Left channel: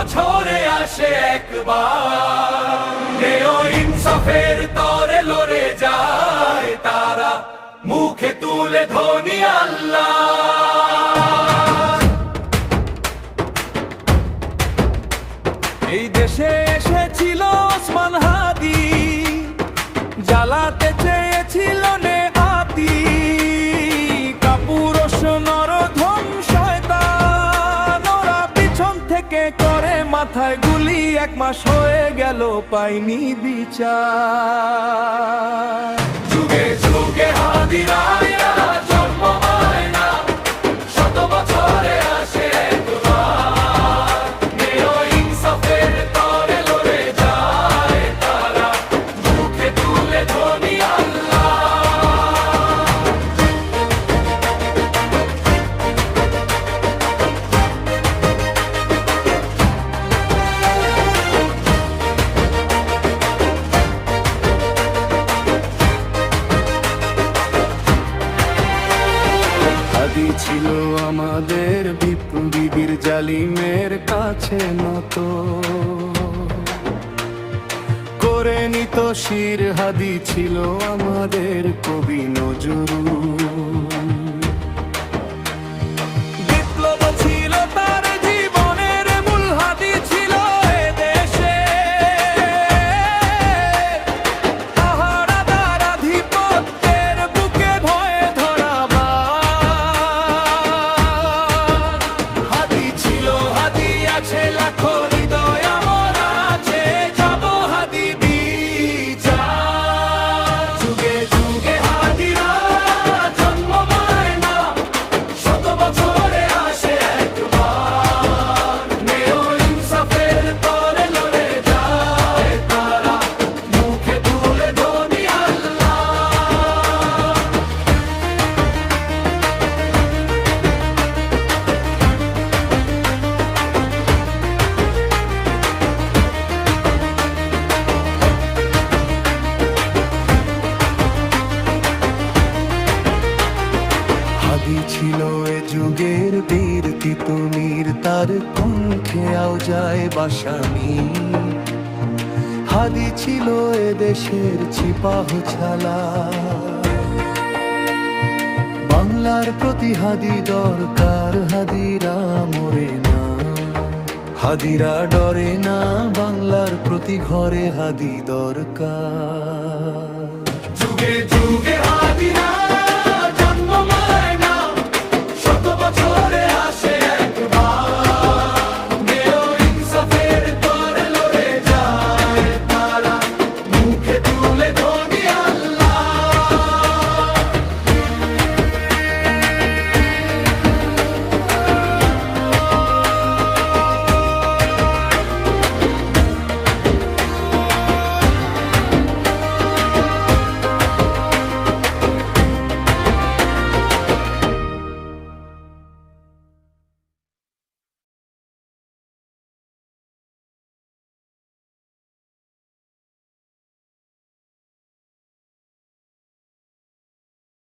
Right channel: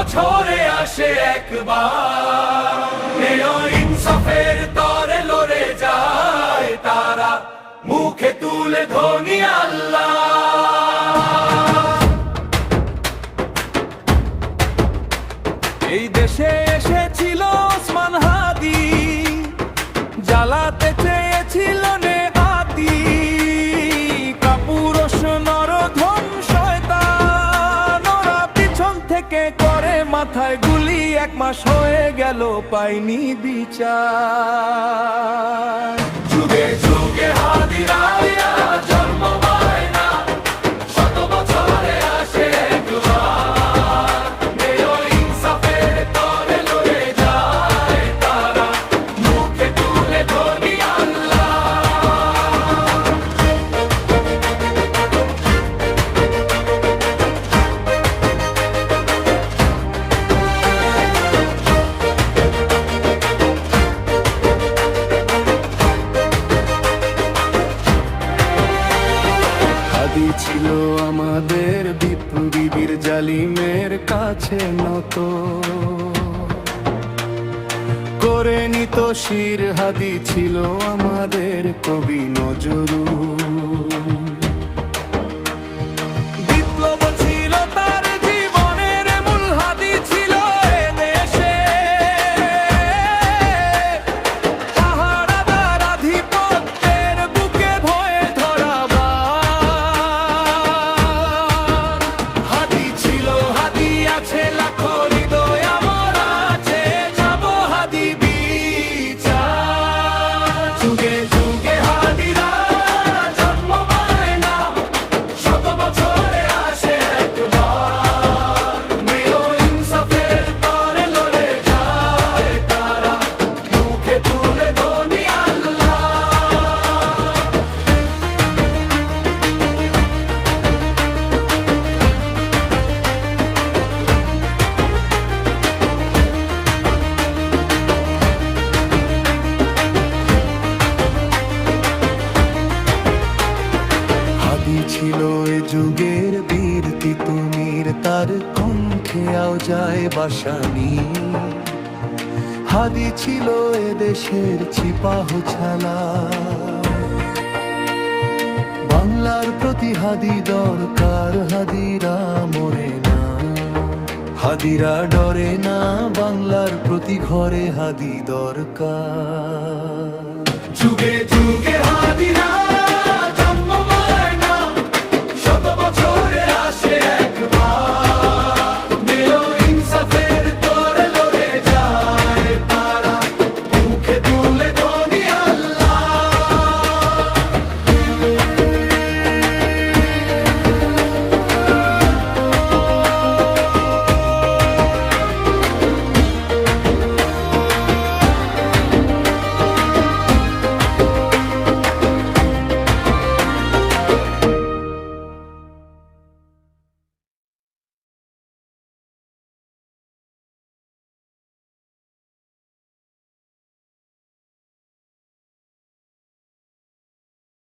বছরে আসে একবার, ইনসাফের তরে লড়ে যায় তারা, মুখে তুলে ধ্বনি আল্লাহ। এই দেশে এসেছিল ওসমান হাদি, জ্বালাতে চেয়েছিল নেহাতি, কাপুরুষ নরধম শয়তান, ওরা পিছন থেকে করে মাথায় গুলি, 1 মাস হয়ে গেল পাইনি বিচার। যুগে যুগে হাদিরা জন্ম পায় না, শত বছরে আসে একবার, ইনসাফের তরে লড়ে যায় তারা, মুখে তুলে ধ্বনি আল্লাহ। হাদি ছিল আমাদের বিপ্লবীর জালিমের কাছে নত, করে নিত শির। হাদি ছিল আমাদের কবি নজরুল, বিপ্লব ছিল তার জীবনের মূল। হাদি ছিল এদেশে পাহারাদার আধিপত্যের বুকে ভয়ে ধরা বাঘ। হাদি ছিল, হাদি আছে লাখো হৃদয়, আমরা আছে যাব হাদি বিচার। যুগে যুগে হাদিরা জন্ম পায় না, শত বছরে আসে একবার, ইনসাফের তরে লড়ে যায় তারা, মুখে তুলে ধ্বনি আল্লাহ। হাদি ছিল এ যুগের বীর তিতুমির, তার কণ্ঠে আও যায় বাসানি। হাদি ছিল এ দেশের ছিপাহ ছালা, বাংলার প্রতি হাদি দরকার। হাদিরা মরে না, হাদিরা ডরে না, বাংলার প্রতি ঘরে হাদি দরকার। যুগে যুগে হাদিরা